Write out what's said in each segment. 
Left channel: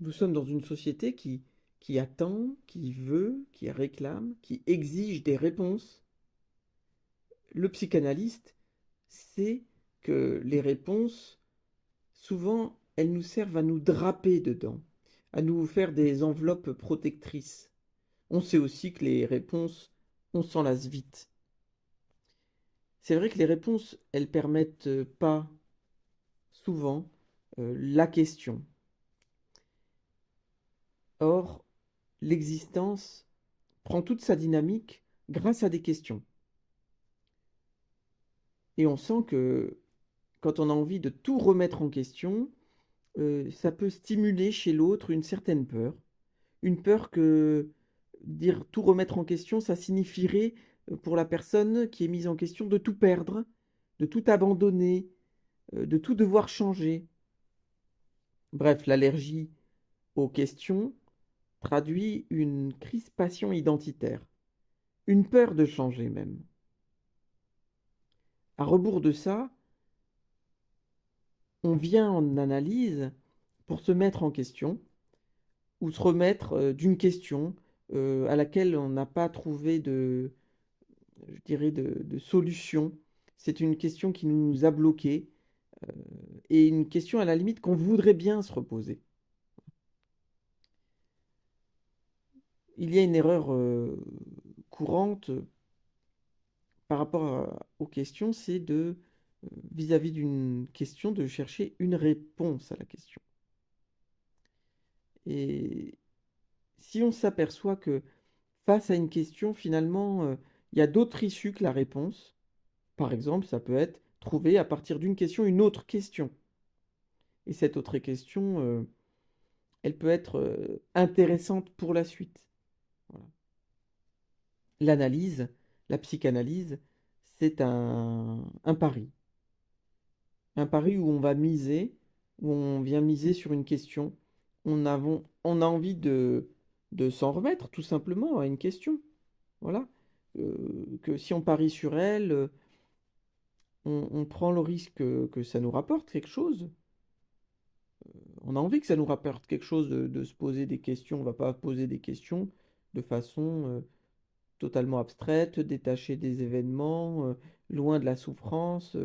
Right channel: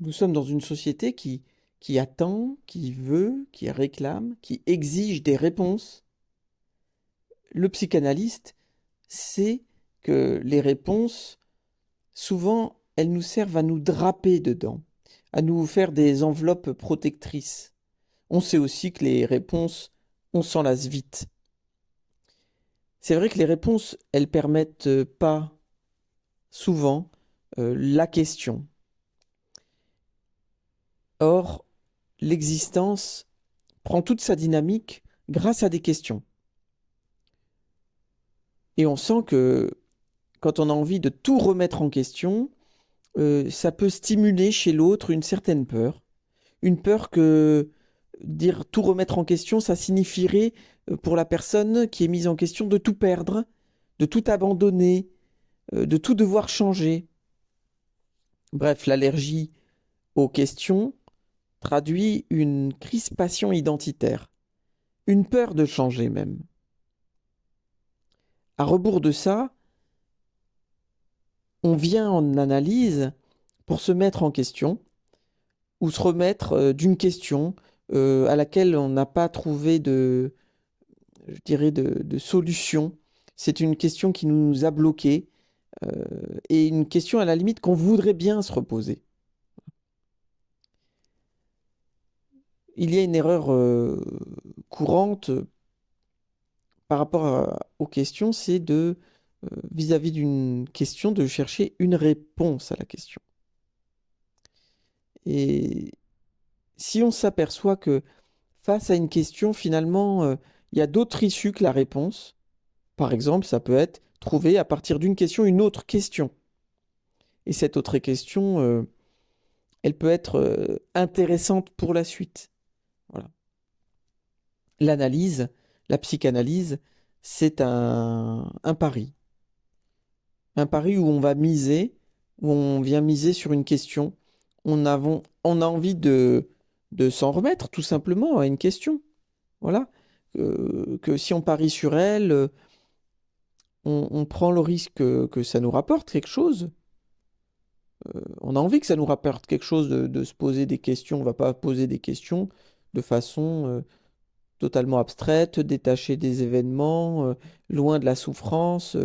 Nous sommes dans une société qui attend, qui veut, qui réclame, qui exige des réponses. Le psychanalyste sait que les réponses, souvent, elles nous servent à nous draper dedans, à nous faire des enveloppes protectrices. On sait aussi que les réponses, on s'en lasse vite. C'est vrai que les réponses, elles permettent pas souvent la question. Or, l'existence prend toute sa dynamique grâce à des questions. Et on sent que quand on a envie de tout remettre en question, ça peut stimuler chez l'autre une certaine peur. Une peur que dire tout remettre en question, ça signifierait pour la personne qui est mise en question de tout perdre, de tout abandonner, de tout devoir changer. Bref, l'allergie aux questions traduit une crispation identitaire, une peur de changer même. À rebours de ça, on vient en analyse pour se mettre en question ou se remettre d'une question à laquelle on n'a pas trouvé je dirais de solution. C'est une question qui nous a bloqués et une question à la limite qu'on voudrait bien se reposer. Il y a une erreur courante par rapport aux questions, c'est vis-à-vis d'une question, de chercher une réponse à la question. Et si on s'aperçoit que face à une question, finalement, il y a d'autres issues que la réponse, par exemple, ça peut être trouver à partir d'une question une autre question. Et cette autre question, elle peut être intéressante pour la suite. Voilà. L'analyse, la psychanalyse, c'est un pari. Un pari où on va miser, où on vient miser sur une question. On a envie de s'en remettre tout simplement à une question. Voilà. Que si on parie sur elle, on prend le risque que ça nous rapporte quelque chose. On a envie que ça nous rapporte quelque chose de se poser des questions. On ne va pas poser des questions de façon totalement abstraite, détachée des événements, loin de la souffrance.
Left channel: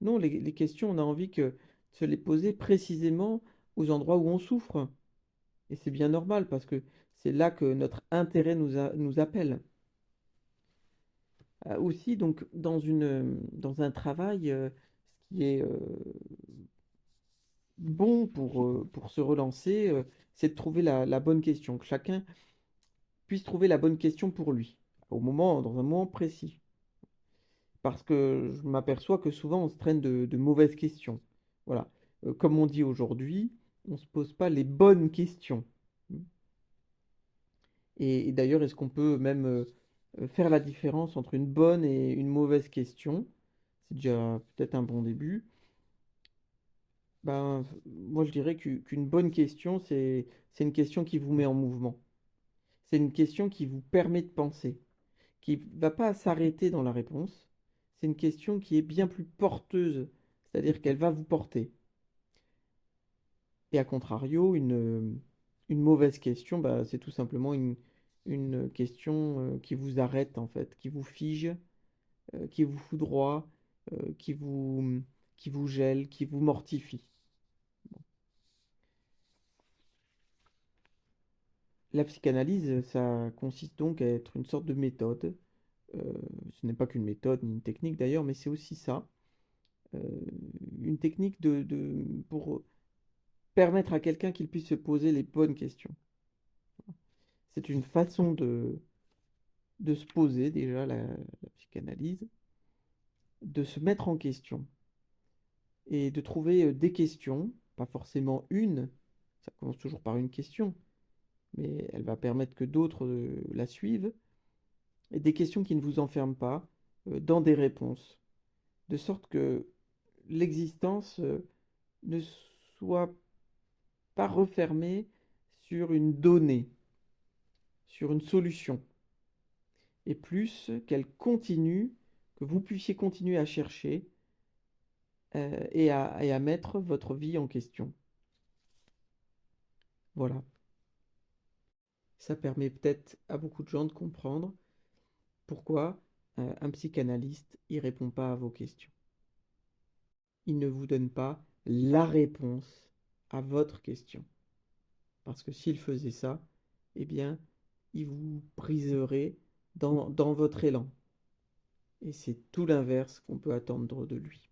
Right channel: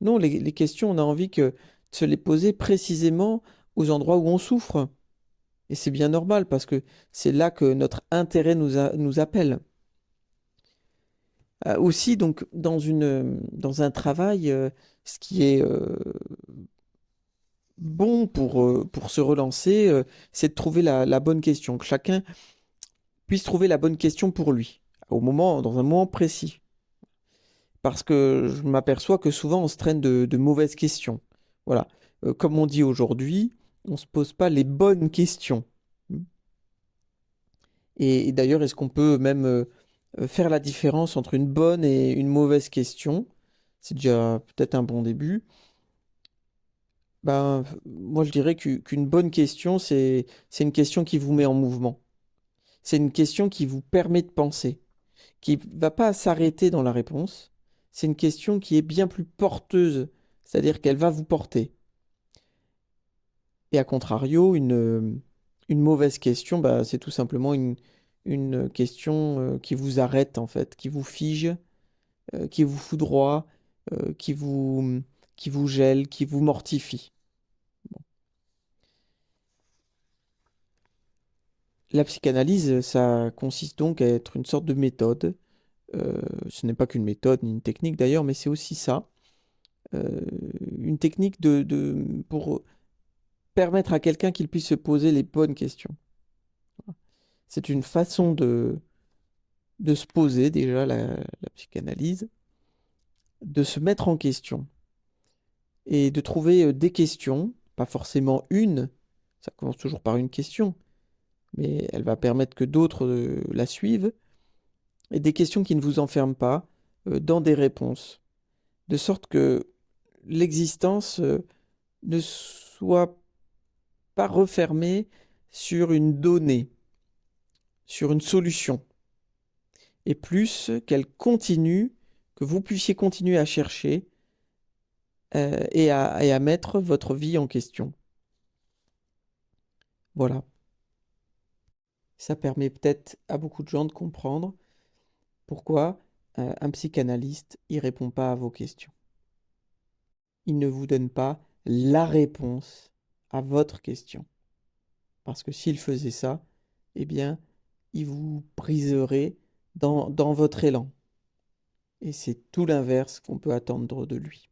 Non, les questions, on a envie de se les poser précisément aux endroits où on souffre. Et c'est bien normal parce que c'est là que notre intérêt nous appelle. Aussi, donc, dans un travail, ce qui est bon pour se relancer, c'est de trouver la bonne question, que chacun puisse trouver la bonne question pour lui, dans un moment précis. Parce que je m'aperçois que souvent on se traîne de mauvaises questions. Voilà. Comme on dit aujourd'hui, on ne se pose pas les bonnes questions. Et d'ailleurs, est-ce qu'on peut même faire la différence entre une bonne et une mauvaise question? C'est déjà peut-être un bon début. Ben, moi, je dirais qu'une bonne question, c'est une question qui vous met en mouvement. C'est une question qui vous permet de penser, qui ne va pas s'arrêter dans la réponse. C'est une question qui est bien plus porteuse, c'est-à-dire qu'elle va vous porter. Et à contrario, une mauvaise question, bah, c'est tout simplement une question qui vous arrête, en fait, qui vous fige, qui vous foudroie, euh, qui vous, qui vous gèle, qui vous mortifie. La psychanalyse, ça consiste donc à être une sorte de méthode. Ce n'est pas qu'une méthode ni une technique d'ailleurs, mais c'est aussi ça. Euh, une technique pour permettre à quelqu'un qu'il puisse se poser les bonnes questions. C'est une façon de se poser déjà la psychanalyse, de se mettre en question et de trouver des questions, pas forcément une, ça commence toujours par une question, mais elle va permettre que d'autres la suivent, et des questions qui ne vous enferment pas dans des réponses, de sorte que l'existence ne soit pas refermée sur une donnée, sur une solution, et plus qu'elle continue, que vous puissiez continuer à chercher et à mettre votre vie en question. Voilà. Ça permet peut-être à beaucoup de gens de comprendre pourquoi un psychanalyste, il répond pas à vos questions. Il ne vous donne pas la réponse à votre question. Parce que s'il faisait ça, eh bien, il vous briserait dans votre élan. Et c'est tout l'inverse qu'on peut attendre de lui.